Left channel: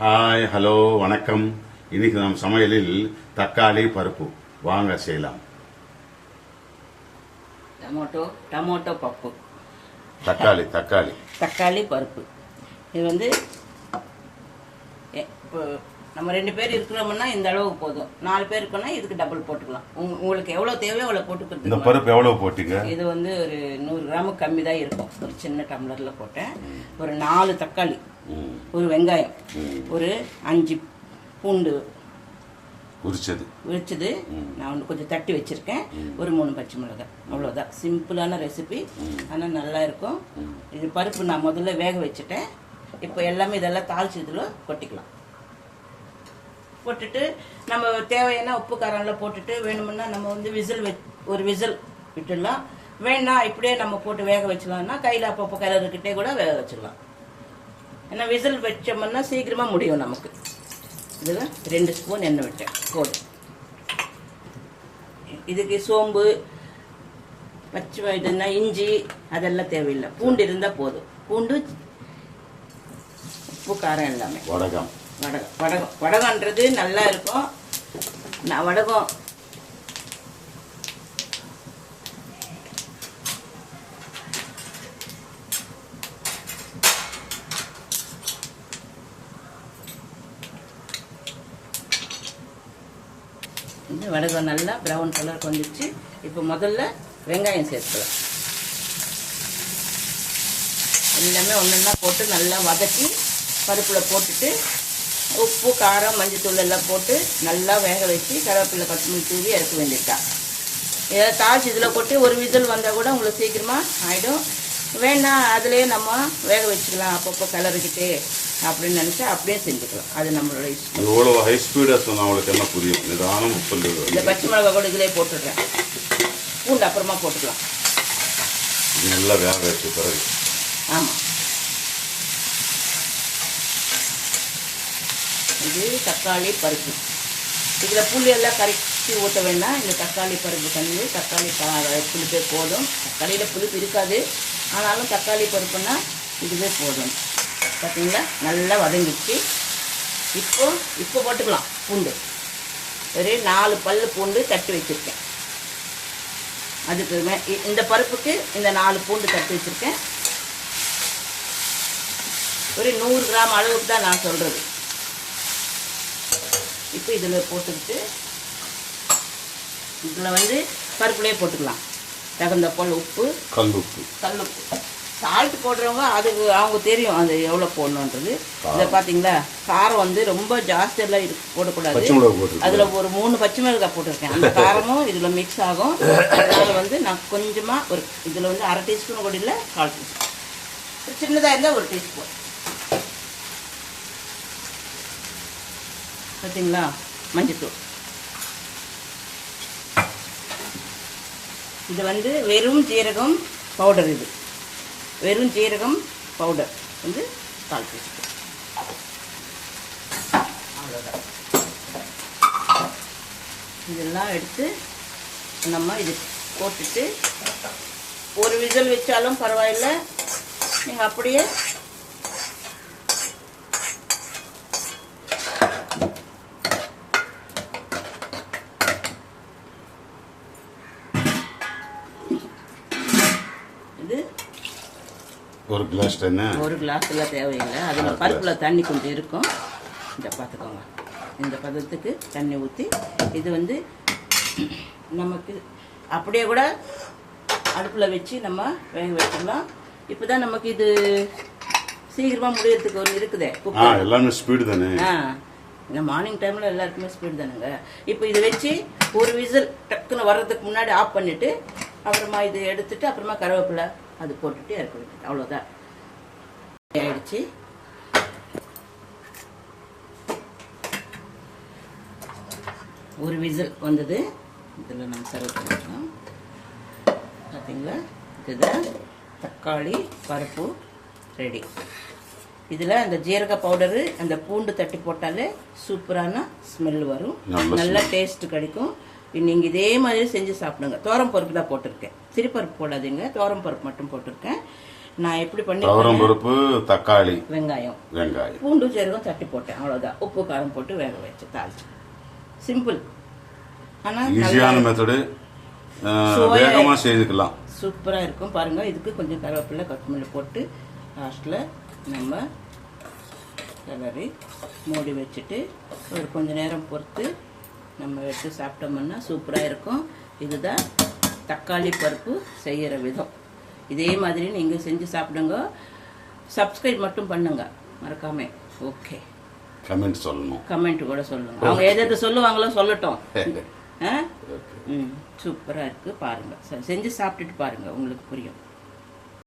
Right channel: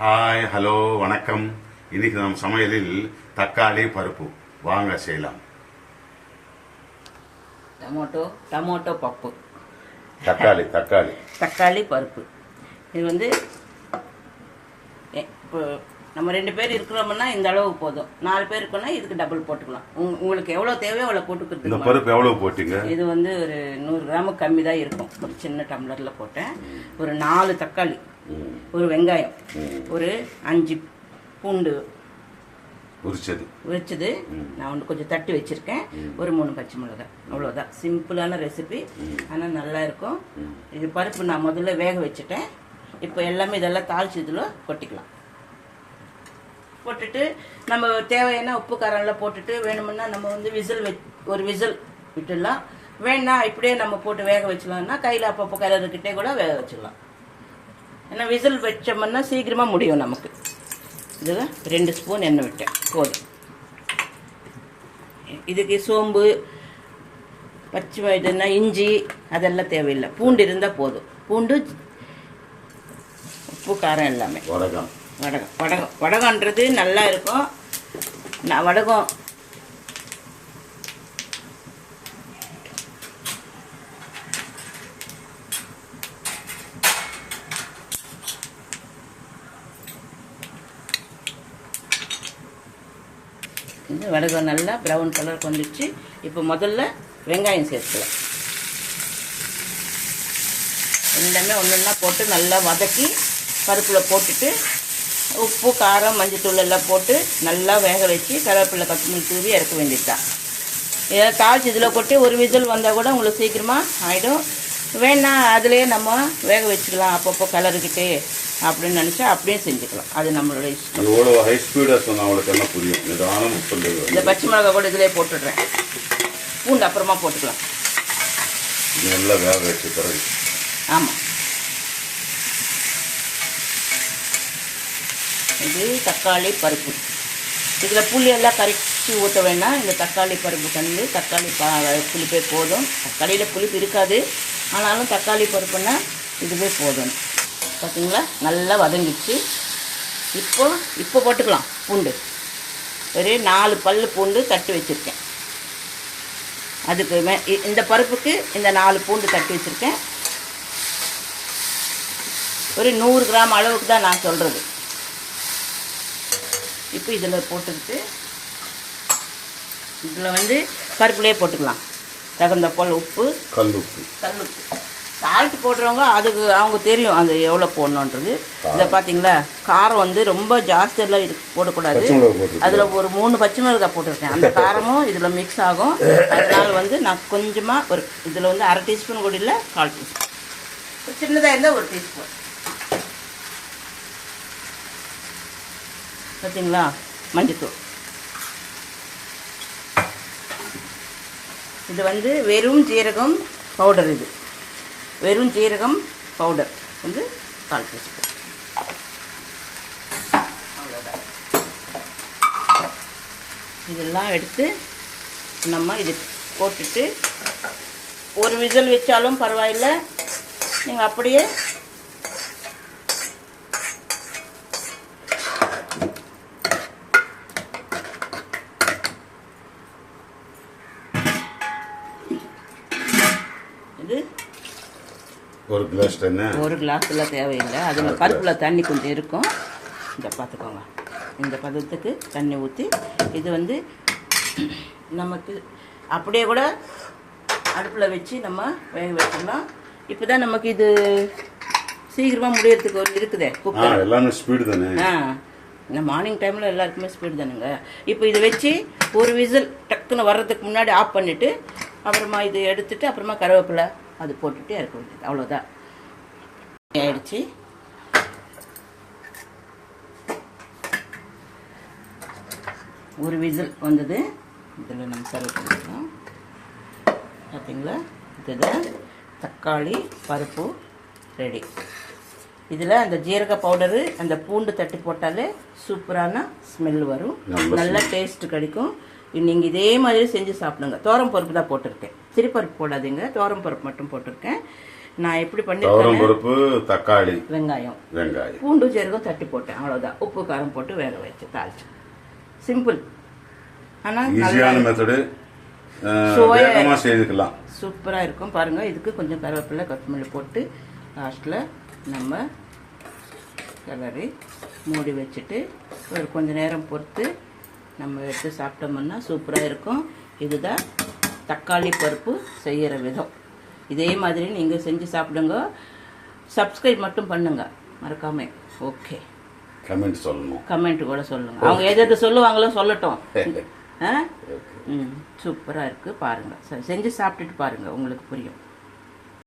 Hi hello வணக்கம். இன்னைக்கு நம்ம சமையலில் தக்காளி பருப்பு வாங்க செய்யலாம். டமோட்டோ பப்பு, தக்காளி பருப்பு. இது வந்து இப்போ நம்ம 2 பேர் இருக்கிறோம்னா இந்த அளவுக்கு போதும். 4 பேர் இருக்குன்னா இதுக்கு டபுள் போட்டுக்கலாம். உங்களுக்கு எவ்வளவு தேவையோ அவ்வளவு போட்டுக்கிறது. இந்த பருப்பு எவ்வளவு போட்டீங்க? இது வந்து ஒரு 100 கிராமுக்கு கம்மி தான் இருக்கும். ஒரு சின்ன டம்ளர்ல போட்டேன். ஒரு 4 தக்காளி, ஒரு வெங்காயம், ஒரு 5 பூண்டு உரிச்சது நான் வந்து கொஞ்சம் தட்டி வச்சிருக்கேன். ஒரு 3 பச்சை மிளகாய். அவ்வளவுதான். சிம்பிளான ரெசிபி, ஆனா நல்லா இருக்கும். இது பருப்பு நான் முதல்ல வேக வச்சுட்டேன். இப்போ எல்லாமே இதெல்லாம் தாளிச்சு இதுல கொட்டிக்கலாம். போட்டுட்டு நம்ம தேவையான உப்பு காரம் எல்லாம் போட்டுட்டு வேணும்னா நம்ம வந்து ஒரு விசில் விட்டுடலாம். வேணாம் இப்படியே நம்ம போட்டு வேக வச்சலாம்னா கையில் அப்பப்போ கிளறுக்கிட்டே கூட வேக வச்சிடலாம். ஏன்னா விசில் வச்சோம்னா சீக்கிரமா முடியும் நமக்கு. இதுல 2 ஸ்பூன் எண்ணெய் விட்டேன், போதும். இதுக்கு சோம்பு, பச்சை இதுன்னா இஞ்சி அதெல்லாம் தேவையில்லை. பூண்டு இருந்தா போதும். பூண்டு, உப்பு, காரம் எல்லாமே. வடகம்ன்றது நல்லா இருக்கும். நான் வடகம் இந்த வடகம் நல்லா ப்ரௌன் கலர் வந்துச்சு. இப்போ முதல்ல வெங்காயம் சேர்த்துக்கலாம். எல்லாமே ஒன்றா போட்டு நல்லா வதக்கி பருப்புல போட்டுட்டு உப்பு, காரம், மஞ்சத்தூள் எல்லாம் போட்டு நல்லா வேக வச்சு கருவேப்பிலை, கொத்தமல்லி தூவி இறக்க வேண்டியதுதான். ஏதாவது தாளிச்சு இதில் போட்டு ஒரு விசில் வந்தால் கூட உங்களுக்கு சீக்கிரமா ஆகிடும். வேணா அதுலேயே நம்ம வேக வச்சுக்கலாம், அப்பப்போ கலருக்கிட்டே அப்படின்னு நினச்சா அப்படியே செஞ்சுக்கலாம். அது நம்மளோட இஷ்டம். எவ்வளோ ஹை ஸ்பீடாக சொன்னால் அவங்களுக்கு என்ன புரியும். இந்த பச்சை மிளகா கூட இதிலே போட்டுடுறேன். பூண்டு அப்புறமா போட்டுக்கலாம். நல்லா வேக வச்ச பிறகு. ஆமாம், இது தக்காளி பருப்பு. இதில் புளி எல்லாம் கரைச்சி ஊற்ற வேண்டாம். இந்த தக்காளி பருப்பு தண்ணி, தக்காளி புளிப்பே போதும். தக்காளியில் புளிப்பு இருக்காது, ஆனாலும் தக்காளி பருப்புன்னா இதுவே போதும். பார்த்தீங்களா, நல்லா வதங்கிச்சு. இப்போ போட்டுக்கலாம் பூண்டு. ஒரு 4 பல்லு பூண்டு தட்டி வச்சுருக்கேன். அதுக்கு இந்த பருப்புக்கு இந்த 4 பூண்டு தட்டி வச்சுருக்கேன். ஒரு 100 கிராம் அளவுக்கு தான் நான் சொல்கிறது. இப்போ இதில் போட்டுக்கிட்டு இதில் வந்து பருப்புலேயே போட்டுக்கலாம். தகுந்த போல் உப்பு, கல்லுப்பு. சால்ட் போடுறவங்க அதுக்கு அவங்க தெரியும் அது எவ்வளோ போடணுன்றது. இதை பார்த்தீங்களா, காரம் வந்து ரொம்ப ஜாஸ்தியெல்லாம் போடக்கூடாது. அதில் ஒரு 3 பச்சை மிளகாய் போட்டிருக்கேன். அந்த காரமும் இதில் மிக்ஸ் ஆகும். அதனால் வந்து நான் கொஞ்சமாக ஒரு இதில் வந்து 1/2 டீஸ்பூன் கூட இல்லை, 1/4 டீஸ்பூன். சின்னதாக இருந்தால் 1 டீஸ்பூன். பார்த்தீங்களா, மஞ்சத்தூள். இது வந்து வெறும் ஜீரகம் பவுடர். இது வெறும் ஜீரகம் பவுடர் வந்து 1/4 டீஸ்பூன். அவ்வளோதான். இதெல்லாம் எடுத்து நம்ம இது போட்டுட்டு ஒரு விசில் வச்சாலும் பரவாயில்லை. நீங்கள் அப்படியே ஒரு கிளாஸ் தண்ணி, ஒரு கிளாஸ்ல தேவையில்லை. அது பருப்புல தண்ணி கொஞ்சம் இருக்கும். இந்த பார்த்துக்கோங்க, இந்த பதத்துக்கு தண்ணி ஊற்றி இது வந்து நமக்கு அப்படியே கூட அடுப்பில் வச்சு நம்ம வேக வச்சிடலாம். இப்போ தான் நமக்கு இது சீக்கிரமாக முடியறதுக்கு ஒரு இருக்குதே. எல்லாமே ஸ்பீடு தானே. இந்த மார்னிங் டைமில் எல்லாருக்குமே ஸ்பீடு தானுங்க. இப்போ இதை வச்சு ஒரு விசில் டக்குன்னு வர்றதுக்கு முன்னாடி ஆஃப் பண்ணிவிட்டு அப்புறமா இது எடுத்துட்டு அப்புறமா கருவேப்பிலை அது போட்டுட்டு இறக்க வேண்டியது. அவ்வளோதான். ஆயிடுச்சு. ஒரு விசில் வந்தது. இதில் நம்ம சர்வ் பண்ணிக்கலாம். பார்த்தீங்களா, இதுதான் தக்காளி பருப்பு ரெடி. இதில் அந்த ஜீரக பவுடரு, அந்த பூண்டு தட்டி போட்டாலே சூப்பரான ஸ்மெல் வரும், நல்ல டேஸ்ட் கிடைக்கும். நீங்கள் இதே மாதிரி செஞ்சு சாப்பிடுங்க. தோரம் பருப்பு தான் போட்டிருக்கேன், சிறுபருப்பு போடாதீங்க. தோரம் பருப்பு மட்டும் போட்டிருக்கேன். நான் எப்படி துவரம் பண்ணி பருப்பு, தக்காளி, வெங்காயம் பூண்டு சீரகம் தட்டி போட்டேன், அவ்வளவுதான். உப்பு காரம் போட்டு வேக வச்சு தாளிச்சு. சிம்பிள், ஆனா ஈஸியான மெத்தடு, வேகமா செய்துக்கலாம். சூப்பரா இருக்கும் பாருங்க. இதுக்கு கொஞ்சம் கருவேப்பிலை கொத்தமல்லி போட்டு லாஸ்ட்ல நம்ம கிளறி மூடி வச்சுட்டு ஒரு கொஞ்ச நேரம் பொறுத்து நம்ம எடுத்து சாப்பிட்டோம்னா சூப்பரா இருக்கும். இதுதான் தக்காளி பருப்பு செய்யற விதம். இதே மாதிரி நீங்க செஞ்சு சாப்பிடுங்க. சப்ஸ்கிரைப் மட்டும் பண்ணுங்க மறக்காம. ஓகே, கமெண்ட் சொல்லணும், கமெண்ட் கூட சொல்லுங்க. அவங்க எது சொல்லுவாங்களோ சொல்லட்டும். சூப்பரா இருக்கு பாருங்க, செஞ்சு சாப்பிட்டுட்டு பாருங்க, உங்களுக்கு புரியும்.